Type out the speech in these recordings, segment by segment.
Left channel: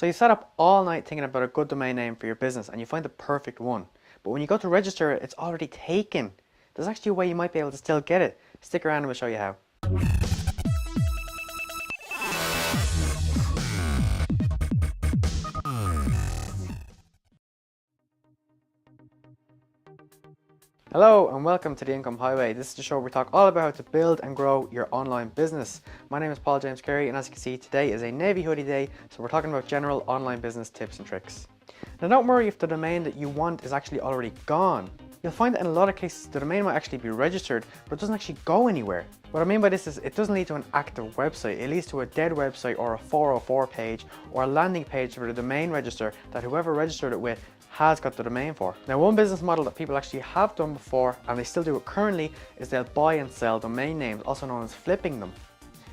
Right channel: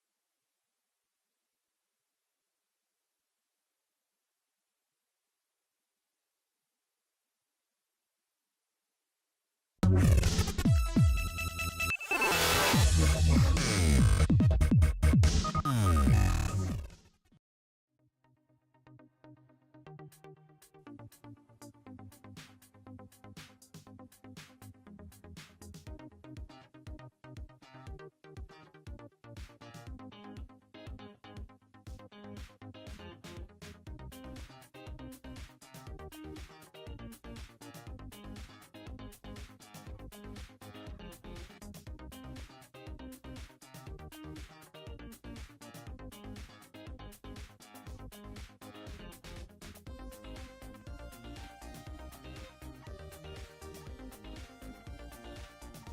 So you sat up all night thinking about a good domain name for your business and you find the perfect one. But when you go to register it, it's already taken. There's actually a way you might be able to still get it. Stick around and we'll show you how. Hello and welcome to the Income Highway. This is the show where we talk all about how to build and grow your online business. My name is Paul James Carey, and as you can see, today is a navy hoodie day, so we're talking about general online business tips and tricks. Now don't worry if the domain that you want is actually already gone. You'll find that in a lot of cases the domain might actually be registered, but it doesn't actually go anywhere. What I mean by this is it doesn't lead to an active website, it leads to a dead website or a 404 page or a landing page for the domain register that whoever registered it with has got the domain for. Now one business model that people actually have done before, and they still do it currently, is they'll buy and sell domain names, also known as flipping them.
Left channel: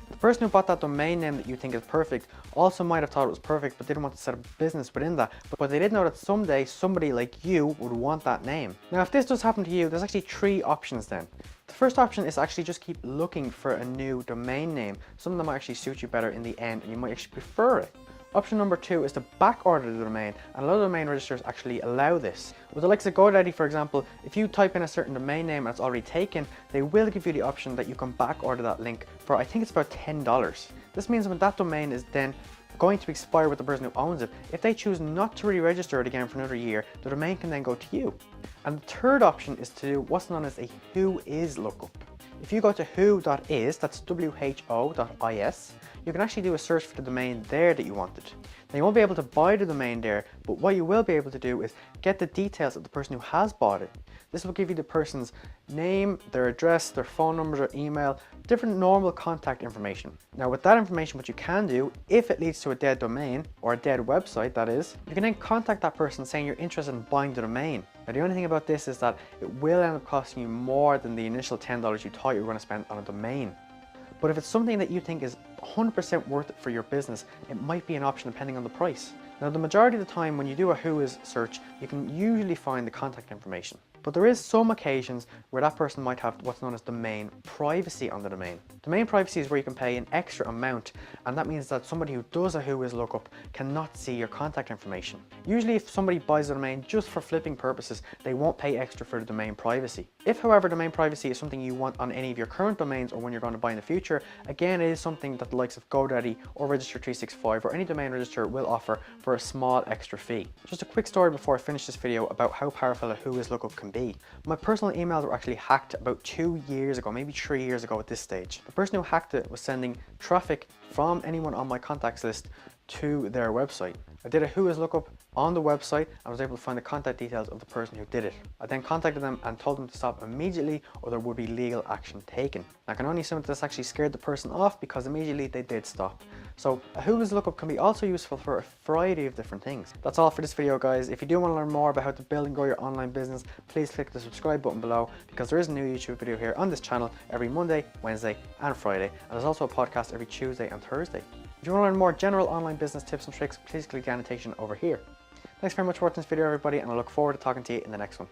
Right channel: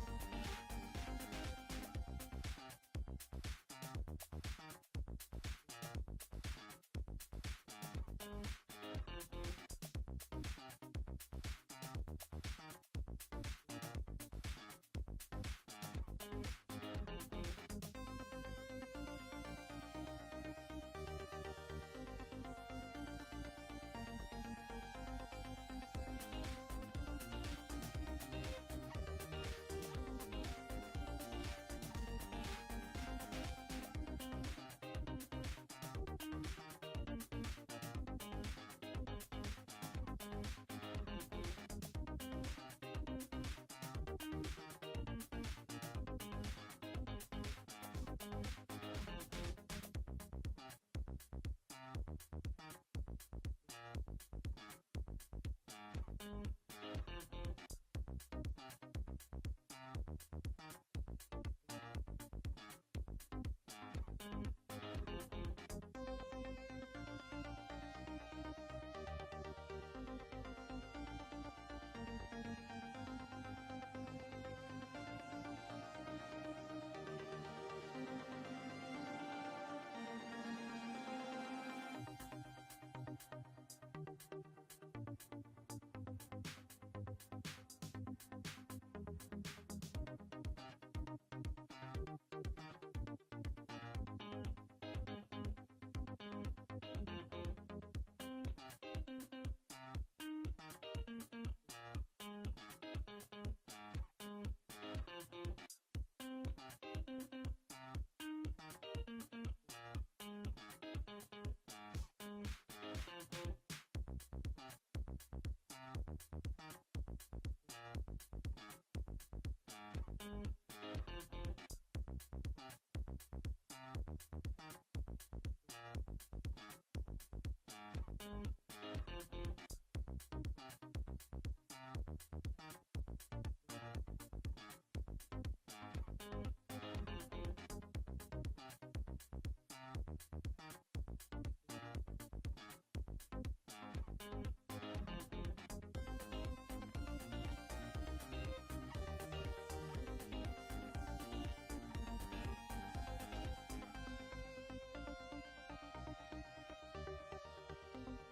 The person who bought that domain name that you think is perfect also might have thought it was perfect but didn't want to set up a business within that, but they did know that someday somebody like you would want that name. Now if this does happen to you, there's actually three options then. The first option is actually just keep looking for a new domain name, something that might actually suit you better in the end and you might actually prefer it. Option number two is to backorder the domain, and a lot of domain registers actually allow this. With the likes of GoDaddy, for example, if you type in a certain domain name and it's already taken, they will give you the option that you can backorder that link for, I think it's about $10. This means when that domain is then going to expire with the person who owns it, if they choose not to re-register it again for another year, the domain can then go to you. And the third option is to do what's known as a Whois Local. If you go to who.is, that's who.is, you can actually do a search for the domain there that you wanted. Now you won't be able to buy the domain there, but what you will be able to do is get the details of the person who has bought it. This will give you the person's name, their address, their phone number, their email, different normal contact information. Now with that information, what you can do, if it leads to a dead domain, or a dead website that is, you can then contact that person saying you're interested in buying the domain. Now the only thing about this is that it will end up costing you more than the initial $10 you thought you were going to spend on a domain. But if it's something that you think is 100% worth it for your business, it might be an option depending on the price. Now the majority of the time when you do a Whois search, you can usually find the contact information. But there is some occasions where that person might have what's known as domain privacy on the domain. Domain privacy is where you can pay an extra amount, and that means that somebody who does a Whois lookup cannot see your contact information. Usually if somebody buys a domain just for flipping purposes, they won't pay extra for the domain privacy. If however domain privacy is something you want on any of your current domains or when you're going to buy in the future, again it is something that the likes of GoDaddy or Register365 or any domain register will offer for a small extra fee. Just a quick story before I finish this video about how powerful a Whois lookup can be. My personal emails were actually hacked about 2 years ago, maybe 3 years ago at this stage. The person who hacked it was sending traffic from anyone on my contacts list to their website. I did a Whois lookup on the website and was able to find the contact details of the person who did it. I then contacted them and told them to stop immediately or there would be legal action taken. I can only assume that this actually scared the person off because immediately they did stop. So a Whois lookup can be also useful for a variety of different things. That's all for this video guys. If you do want to learn more about how to build and grow your online business, please click the subscribe button below because there is a new YouTube video here on this channel every Monday, Wednesday and Friday, and there's also a podcast every Tuesday and Thursday. If you want to learn more general online business tips and tricks, please click the annotation over here. Thanks very much for watching this video everybody, and I look forward to talking to you in the next one.